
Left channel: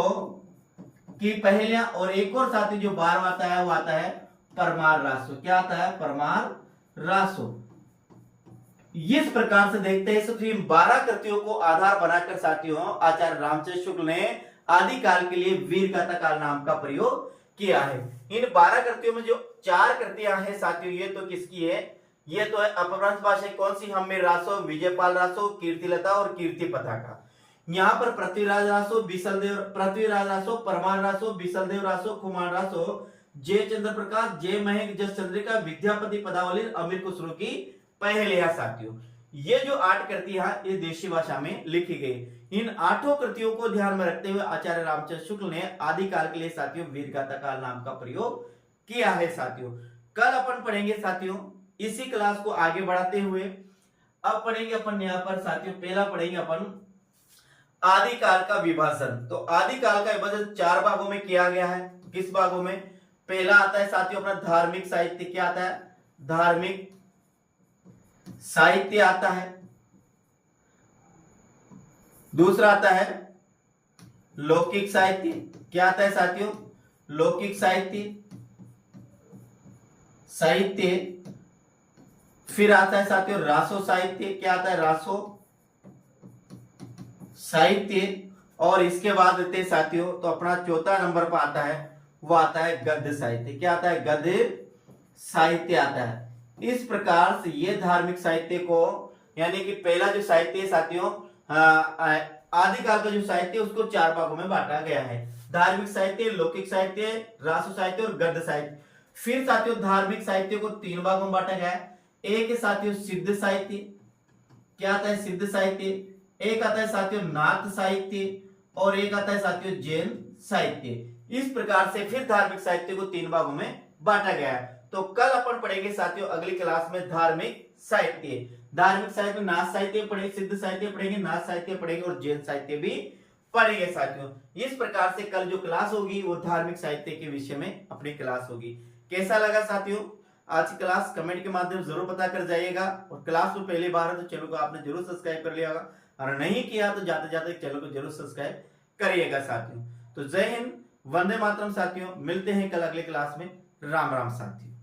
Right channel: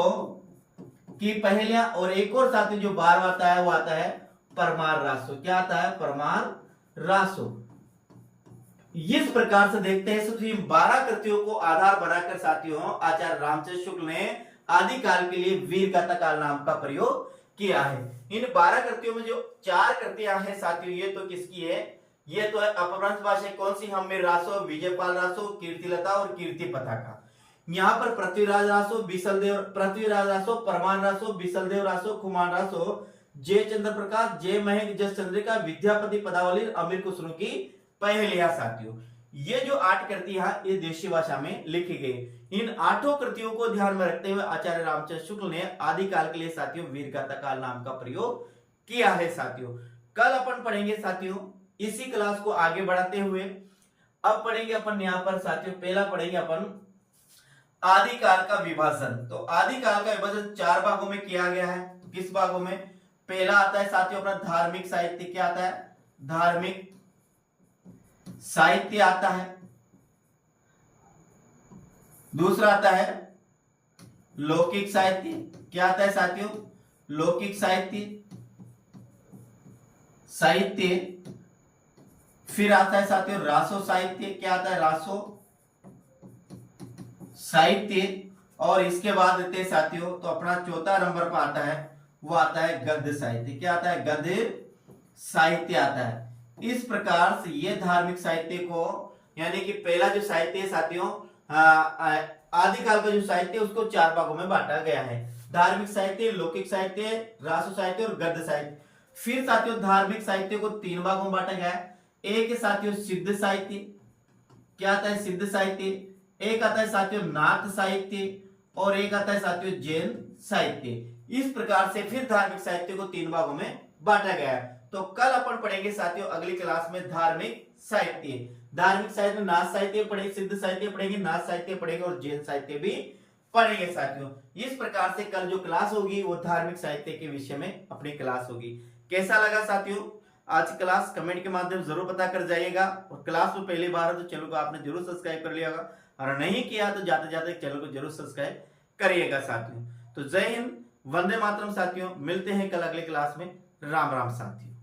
की पहेलियां। और एक और साथियों जो 12वां आता है वो आता है परमार रासो। क्या आता है? परमार रासो। इस प्रकार से देखते हैं सबसे 12 कृतियों को आधार बनाकर साथियों आचार्य रामचंद्र शुक्ल ने आदिकाल के लिए वीरगाथा काल नाम का प्रयोग किया है। इन 12 कृतियों में जो 4 कृतियां हैं साथियों, ये तो किसकी है? ये तो है अपभ्रंश भाषा। कौन सी? हम्मीर रासो, विजयपाल रासो, कीर्तिलता और कीर्ति पताका। यहाँ पर पृथ्वीराज रासो, बीसलदेव, पृथ्वीराज रासो, परमार रासो, बीसलदेव रासो, खुमान रासो, जय चंद्र प्रकाश, जय महेंद्र जस चंद्रिका, विद्यापति पदावली, अमीर खुसरो की पहेलियां साथियों। ये जो 8 कृतियां ये देशी भाषा में लिखी गई। इन 8 कृतियों को ध्यान में रखते हुए आचार्य रामचंद्र शुक्ल ने आदिकाल के लिए साथियों वीरगाथा काल नाम का प्रयोग किया है साथियों। कल अपन पढ़ेंगे साथियों इसी क्लास को आगे बढ़ाते हुए। अब पढ़ेंगे अपन यहाँ पर साथियों, पहला पढ़ेंगे अपन आदिकाल का विभाजन। तो आदिकाल का विभाजन 4 भागों में किया गया है। किस भागों में? पहला आता है साथियों अपना धार्मिक साहित्य। क्या आता है? धार्मिक साहित्य आता है। दूसरा आता है लौकिक साहित्य। क्या आता है साथियों? लौकिक साहित्य, साहित्य। फिर आता है साथियों रासो साहित्य। क्या आता है? रासो साहित्य। और इसके बाद देते हैं साथियों तो अपना चौथा नंबर पर आता है वो आता है गद्य साहित्य। क्या आता है? गद्य साहित्य आता है। इस प्रकार से ये धार्मिक साहित्य को, यानी कि पहला जो साहित्य है साथियों आदिकाल का जो साहित्य उसको 4 भागों में बांटा गया है। धार्मिक साहित्य, लौकिक साहित्य, रासो साहित्य और गद्य साहित्य। फिर साथियों धार्मिक साहित्य को 3 भागों में बांटा गया है। एक है साथियों सिद्ध साहित्य। क्या आता है? सिद्ध साहित्य। एक आता है साथियों नाथ साहित्य और एक आता है साथियों जैन साहित्य। इस प्रकार से फिर धार्मिक साहित्य को 3 भागों में बांटा गया है। तो कल अपन पढ़ेंगे साथियों अगली क्लास में धार्मिक साहित्य। धार्मिक साहित्य में नाथ साहित्य पढ़ेंगे, सिद्ध साहित्य पढ़ेंगे, नाथ साहित्य पढ़ेंगे और जैन साहित्य भी पढ़ेंगे साथियों। इस प्रकार से कल जो क्लास होगी वो धार्मिक साहित्य के विषय में अपनी क्लास होगी। कैसा लगा साथियों आज की क्लास? कमेंट के माध्यम से जरूर पता कर जाइएगा। और क्लास में पहली बार है तो चैनल को आपने जरूर सब्सक्राइब कर लिया होगा, और नहीं किया तो जाते जाते चैनल को जरूर सब्सक्राइब करिएगा साथियों। तो जय हिंद, वंदे मातरम साथियों। मिलते हैं कल अगले क्लास में। राम राम साथियों।